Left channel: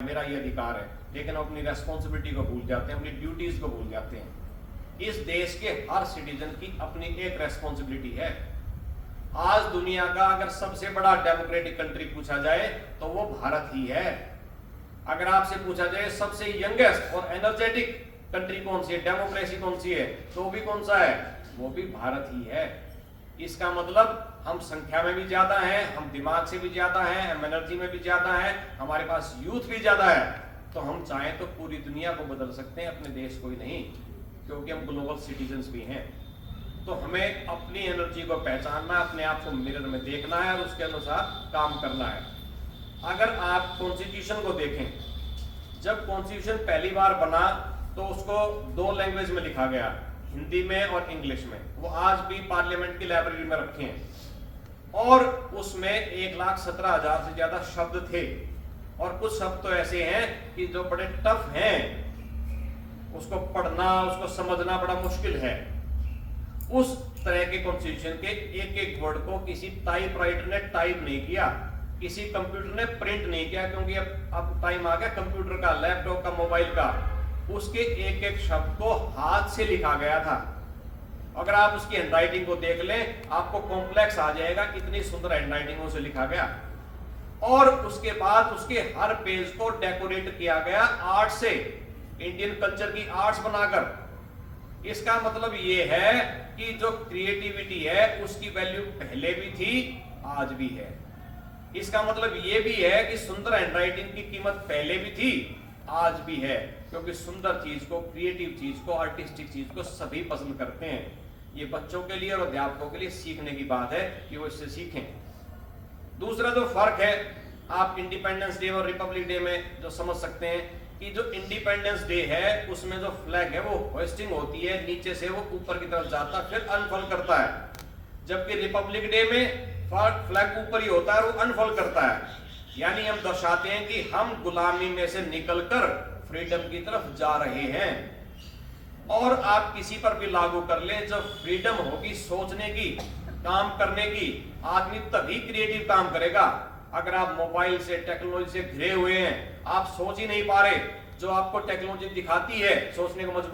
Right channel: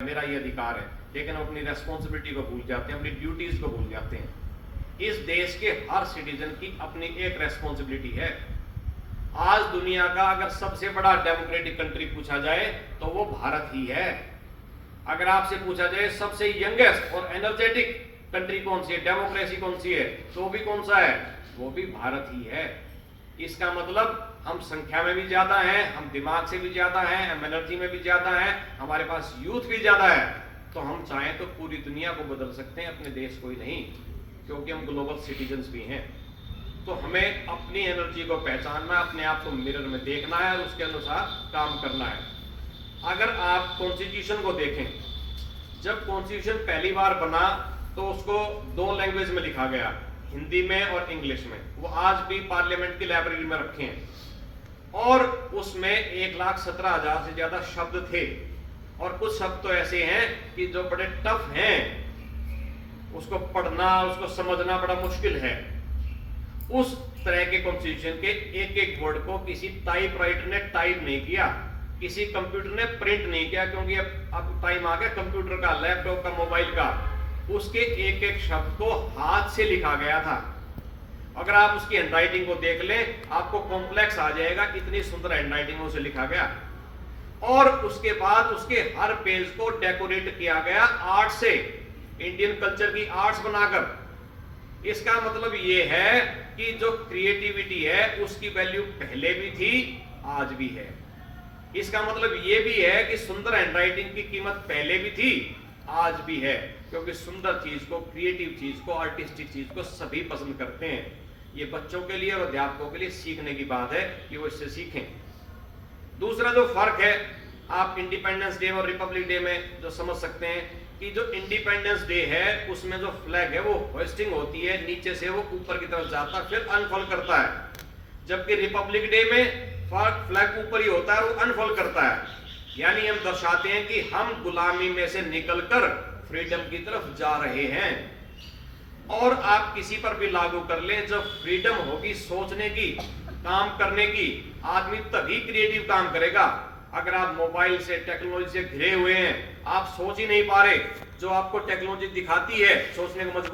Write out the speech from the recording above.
मेरा ये अधिकार है, लेकिन हम अपनी रेस्पॉन्सिबिलिटी को भूल जाते हैं, अपनी ड्यूटीज को भूल जाते हैं। इस देश के हर सिटीजन की अपनी एक रेस्पॉन्सिबिलिटी है। आज दुनिया का अगर सबसे बड़ा डेमोक्रेटिक कंट्री पूछा जाए तो वो भारत ही है। अगर आपसे पूछा जाए सबसे यंगेस्ट और एनर्जेटिक कंट्री कौन सी है, डेमोक्रेसी कौन सी है, तो वो भी कौन सा है, वो भी भारत ही है। इसका मतलब हम संख्या में भी ज्यादा हैं, हम दिमाग से भी ज्यादा हैं, हम एनर्जी में भी ज्यादा हैं, हमारे पास यूथ भी ज्यादा है। तो हम चाहें तो पूरी दुनिया को बदल सकते हैं, अपने देश को ही नहीं, क्योंकि हम ग्लोबल सिटीजन्स भी हैं। तो हमें अपनी एनर्जी को पहचानना है, अपने आप को मिरर में देखना है और उसके अनुसार काम करना है। अगर आप कॉन्स्टिट्यूशन को देखें, जब कॉन्स्टिट्यूशन पहली बार बना तो उसको 2 लैंग्वेज में लिखा गया, हिंदी में और इंग्लिश में। वो आज भी पार्लियामेंट की लाइब्रेरी में रखे हैं और उसमें 1,17,000 से ज्यादा शब्द थे और कुछ शब्द तो ऐसे हैं कि जो बड़े टफ हैं, उसको पढ़ना, उसको समझना बड़ा मुश्किल है। उस तरह के कॉन्स्टिट्यूशन के एक एक वर्ड को किसी टाइपराइटर ने टाइप नहीं किया, किसी कंप्यूटर ने प्रिंट नहीं किया, क्योंकि अब टाइम आ गया कंप्यूटर का, लैपटॉप का, मोबाइल का। उसके एक एक शब्द को हाथ से लिखा गया था। अगर आप उसकी हैंडराइटिंग को देख लें, आपको कॉम्प्लेक्स आ जाएगा, इतनी सुंदर हैंडराइटिंग से लिखा गया। और उसके बाद उसके हर पेज को डेकोरेट किया गया आर्ट से, इंडियन कल्चर की आर्ट्स बनाकर। इसका मतलब ये है कि जो क्रिएटिविटी है उसकी वैल्यू पहले भी थी, आज भी है। इसका मतलब ये भी है कि सुंदर हैंडराइटिंग की कीमत पहले भी थी, आज भी है, क्योंकि सुंदर चीज को, क्रिएटिव चीज को, आर्टिस्टिक चीज को सभी पसंद करते हैं। ये बच्चों के लिए और अध्यापकों के लिए सीखने की बात है कि वो इससे सीखें। दूसरा जो फर्क है, आप इंडिपेंडेंस डे और रिपब्लिक डे में जो समझ सकते हैं कि जो इंडिपेंडेंस डे है उसमें जो फ्लैग है वो होइस्टिंग होती है, नीचे से वो ऊपर की तरफ जाता है, फिर अनफोल्ड करता है। जबकि रिपब्लिक डे में फ्लैग ऊपर ही होता है, वो अनफोल्ड करता है। यानी हम दर्शाते हैं कि हम गुलामी में से निकलकर फ्रीडम की तरफ जा रहे हैं। और आप किसी पर भी लागू कर लें, जब फ्रीडम होगी सोचने की, काम करने की, आदमी तभी क्रिएटिव काम करेगा। अगर आप मोबाइल से, टेक्नोलॉजी से घिरे हुए हैं, आप सोच ही नहीं पा रहे, जो आपको टेक्नोलॉजी दिखाती है सोचने को मजबूर